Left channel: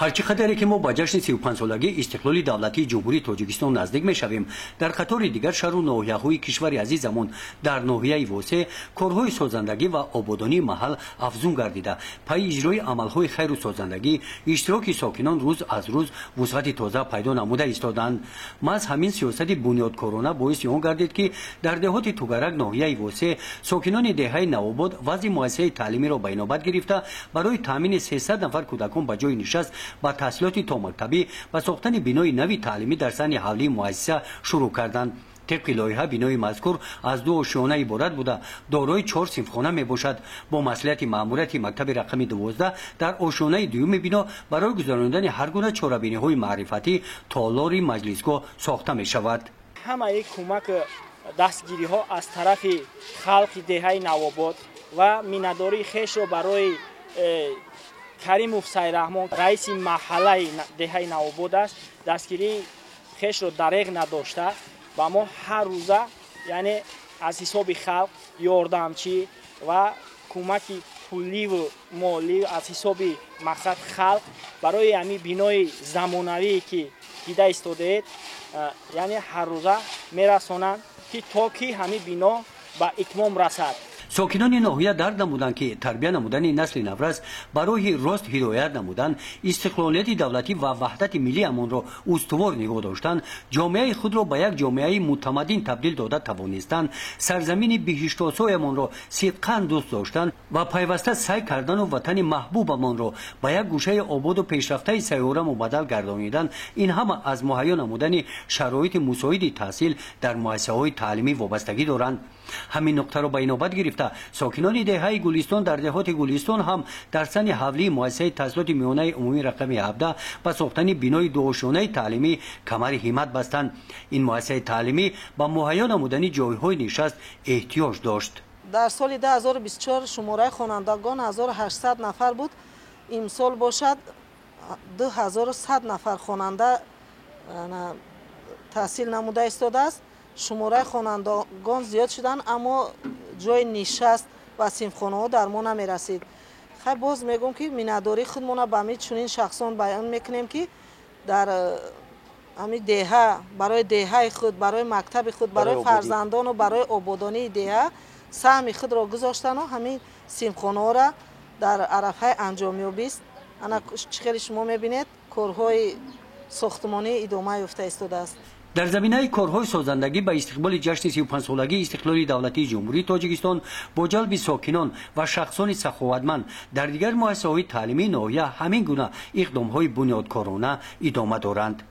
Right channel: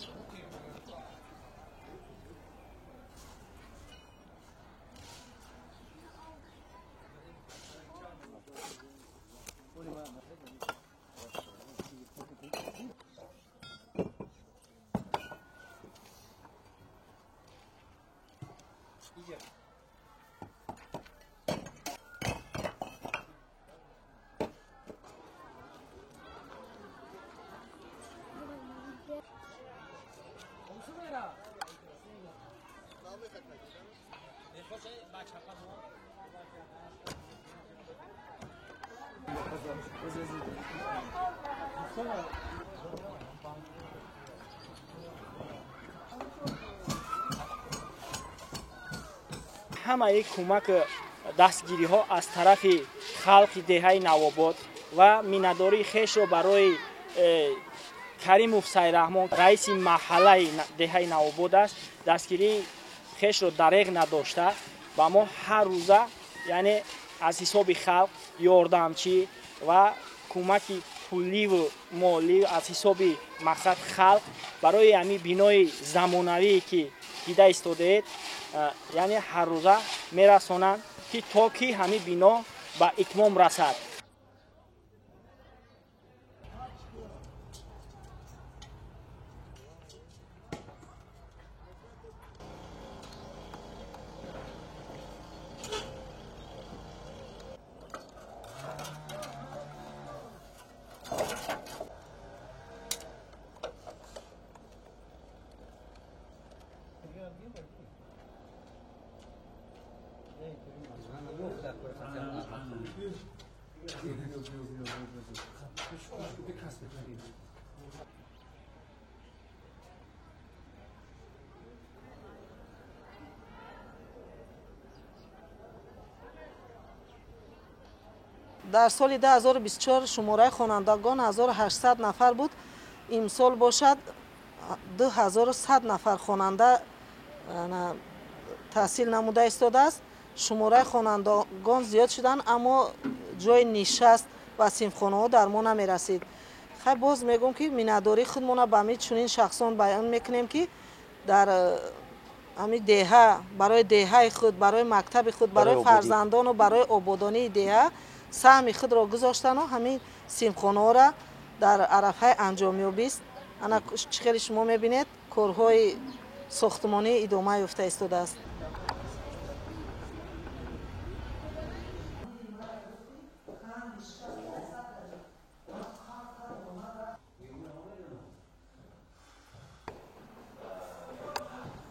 هرچی قدری که ما با جشن 35 سالگی استقلال دولتی جمهوری تاجیکستان نزدیک میشویم، در قطار دیگر شهر و ناحیه‌های کشور عزیزمون در ناحیه واسه کارهای سازندگی و آبادانی محل افزون گردیده. پای اجرای عملهای خیر و سازندگی اشتراک ساکنان روز از روز وسعت تازه پیدا نموده ایستادند. محض همین سیاست بنیادکارانه باعث آن گردید که در دهات توگرک ناحیه واسه ساکنان دهه نوآباد وضع مؤسسه تعلیمی را به نوبت گرفته برای تامین 300 نفر کودکان به جای نشست با تحصیلات تا مکتبی و ساختن بینای نوی تعلیمی در سن حولی مؤسسه شروع کردند. طبق لایحه بینای مذکور از 2 آشیانه عبارت بوده، دارای 4 صنفخانه می باشد. با مسئولیت مأموریت مکتب رقم 12 در آشیانه دوم بینا برای گذراندن هر گونه چاره‌بینی های معرفتی تالار مجلسگاه ساخته می شود. همه کمک دستگیری ها از طرف خلق دهه نوآباد و مینداری خیش را برای کریم سیرحمان رئیس محله دهه نوآباد است دستگیری خیش را دریغ نداشته و ما هر روزه یعنی از حساب خلق یاردمچی و کمک پولی و مالی از حساب مقصد خلق برای همین بینای زمانوی که دیده ایستاده یعنی هر روزه میرسانند که تا که همین بنا به اتمام رسد. ساکنان ناحیه درک نمودند که تربیت نمودن نسل نورس برای راست هدایت نمودن استقلالیت دولتی و وحدت ملی امان را استوار نگاه داشتن، جامعه خود را به یک جامعه متمدن تبدیل داده توانستند، سرزمین بهشت‌آسای امان را صدقاً دوست داشتند و پیوسته سعی کردن و وطن محبوب امان را به یک گوشه آباد و پیشرفته سیاره مبدل گردانیدن. این هم از مهیا نمودن شرایط مساعد تحصیل در مؤسسه‌های تعلیمی وابستگی دارند. همین نکته را به نوبت گرفته ساکنان دهه گلستان در دهات گلستان هم در سن حولی مؤسسه تحصیلات میانه عمومی رقم 17 و ساختن بینای 2 آشیانه تعلیمی کمر همت بستند. این مؤسسه تعلیمی با مهیا نمودن جایهای نشست احتیاج داشت. در سال 2024 شماره خوانندگان 1800 نفر بود. امسال باشد 2100 نفر خواننده تحصیل نموده ایستاده است. شماره خوانندگان زیاد شدن اما جای نشست و صنفخانه ها در ما نمی رسید. خیلی باز میگم که مینداری خودمون به همین چنین شخصان بیان میکنیم که در همین دهه برای دهه خود، برای مکتب خود، برای فرزندان و برای آبادانی دهه سهم خود را گذاشتن و همین صنفخانه ها را در عرفه انجامیابی است. انا چخیلی شما میبینید کارهای ساختمانی ادامه یافته ایستاده است. در زمینه کارهای سازندگی به استقبال جشن 35 سالگی استقلال دولتی جمهوری تاجیکستان با جلب ساکنان و شخصان سخاوتمند در دیگر مؤسسه‌های تعلیمی ناحیه همین گونه اقدام‌های بنیادکارانه ادامه دارند.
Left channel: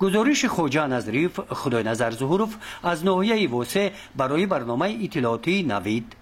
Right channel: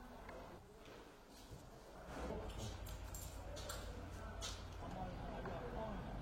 گزارش خواجه نظریف خدای نظر ظهورов از ناحیه واسه برای برنامه اطلاعاتی نوید.